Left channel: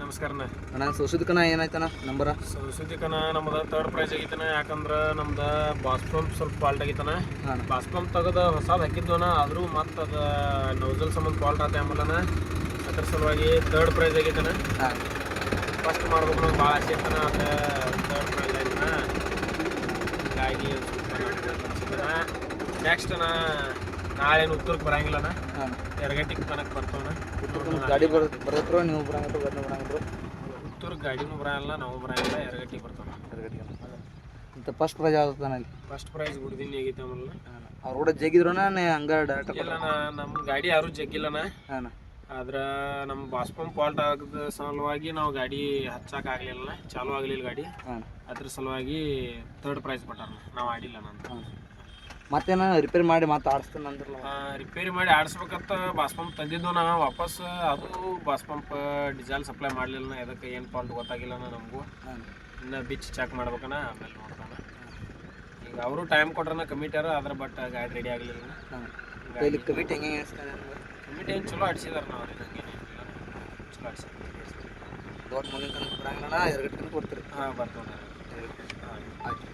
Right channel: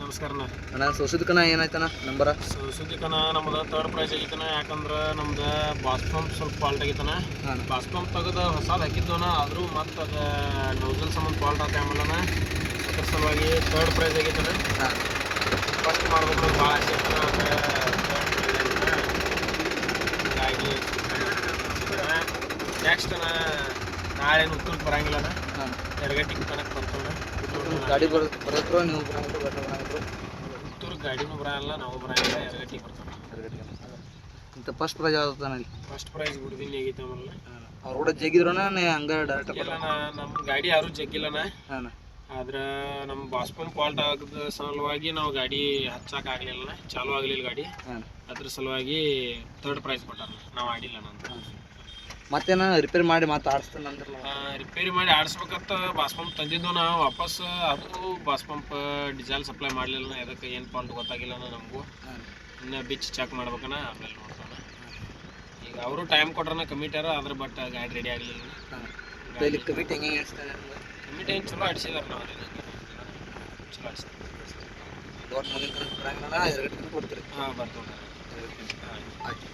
ನಮಸ್ಕಾರಣ್ಣ. ಅಣ್ಣ ಸೋಸಿದ್ಕನ ಏನಾಯ್ತಣ್ಣ ನಂಬರ? ಸೌಸುದಿಕನ ನಮ್ದು third prize ಆಗೈತನ. ಯಾಕಂದ್ರೆ ನಮ್ದು ಬಾಸ್ ಪಂಪ್ ಸ್ವಲ್ಪ ಫಾಲ್ಟ್ ಆಗೈತನ. ಬಾಸ್ ಪಂಪ್ ತೆಗೆದು ಹೊಸದು ಹಾಕಿದ್ದವನ, ಆದರೂ ಮತ್ತು ಅದು ನೌಸಲ್ ಸಂಬಂಧ ಫಾಲ್ಟ್ ಆತ ಆಮೇಲೆ ಅದ್ರ ಸಲುವಾಗಿ ಥರ್ಡ್ ಪ್ರೈಸ್ ಆಗೈತನ. ಫಸ್ಟ್ ಮಾಡ್ಬೇಕು ನಂಗೆ ಭಾಳ ಆಸೆ ಇರ್ತನ. ಗಾಡಿ ನೆಕ್ಸ್ಟ್ ನಾಳೆ ಉತ್ತರಕ್ಕೆ ಬರಂಗಿಲ್ಲನ, ಎರಗಟ್ಟಿಗೆ ತನಕ ಬರ್ತವನ. ಗಾಡಿ ಬರೋದ್ರು ನೀವು ಬರೋದು ಉತ್ತರಕ್ಕೆ ಗಾಡಿನೂ ಬರಲ್ಲ, ನಾವು ಬರಂಗಿಲ್ಲ, ಎರಗಟ್ಟಿಗೆ ಬರ್ತಾವೆ. ಇಂಥ ಫಸ್ಟ್ ಪ್ರೈಸ್ ಯಾವ್ದು ಇಲ್ಲಿ? ಫಸ್ಟ್ ಪ್ರೈಸ್ ಗುಡ್ದಿನ ಆಗೈತೆ ಆಮೇಲೆ ಅವ್ರು ಕೂಡ ಜಗ್ಗಿದ್ರನ ಹಂಗ ಡೈರೆಕ್ಟ್? ಇಲ್ಲ ನಮ್ಮ ಗಾಡಿ ಯಾರೂ ಜಗ್ಗಿಲ್ಲನ. ಆದ್ರೆ ನಮ್ಮ ಬಾಸ್ ಪಂಪ್ ಫಾಲ್ಟ್ ಆಗದ ಸಲುವಾಗಿ ನಾವು ಗಾಡಿ ಹಚ್ಚಕ್ಕಾಗಲಿಲ್ಲ, ಚಾಲೂ ಆಗಲಿಲ್ಲ ಗಾಡಿ. ಅದ್ರ ಸಲುವಾಗಿ ಥರ್ಡ್ ಪ್ರೈಸ್ ಕೊಟ್ಟಾರ, ನಾವು ಆಡಿಲ್ಲ. ನಾನು ಮತ್ತೇನ ರಿಪೇರಿ ಮಾಡಿ ಮತ್ತೆ ಆಡಿಸ್ತಾನೆ ಅಂದ್ರಲ್ಲ? ರಿಪೇರಿ ಮಾಡಿ ಆಡಿಸ್ಬೇಕಂತ ಬಾಸ್ ಪಂಪ್ ತಂದಿದ್ದು ನಾ ವಾಪಸ್. ಅದು ಬಾಸ್ ಪಂಪ್ ಡೀಸೆಲ್ ಸಪ್ಲೈ ಮಾಡಲಿಲ್ಲ, ಅದಕ್ಕೆ ಏನು ಫಾಲ್ಟ್ ಗೊತ್ತಾಗಿಲ್ಲ ನಮಗೂ. ಇನ್ನು ಬಿಚ್ ಚೆಕ್ ಮಾಡ್ಬೇಕನ, ಆಮೇಲೆ ನೋಡ್ತಾನ. ಈಗ ಅವರು ಟೈಮ್ ಕೊಟ್ರನ ಕಮಿಟಿಯಾರ, ಅದ್ರ ಬಟ್ ಗಾಡಿ ರೆಡಿ ಆಗಲಿಲ್ಲ. ಕಮಿಟಿ ಹೆಂಗೆ ಕಮಿಟಿ ಏನು ಚಲೋ ಆಡಿಸಿದಾರೆ ನಾವು, ಚಲೋ ಆಡಿಸಿದ್ರು. ಕೊಡ್ತೀರಿ? ಹಾಂ, ಬರ್ತೀವಿ. ಆಯ್ತು.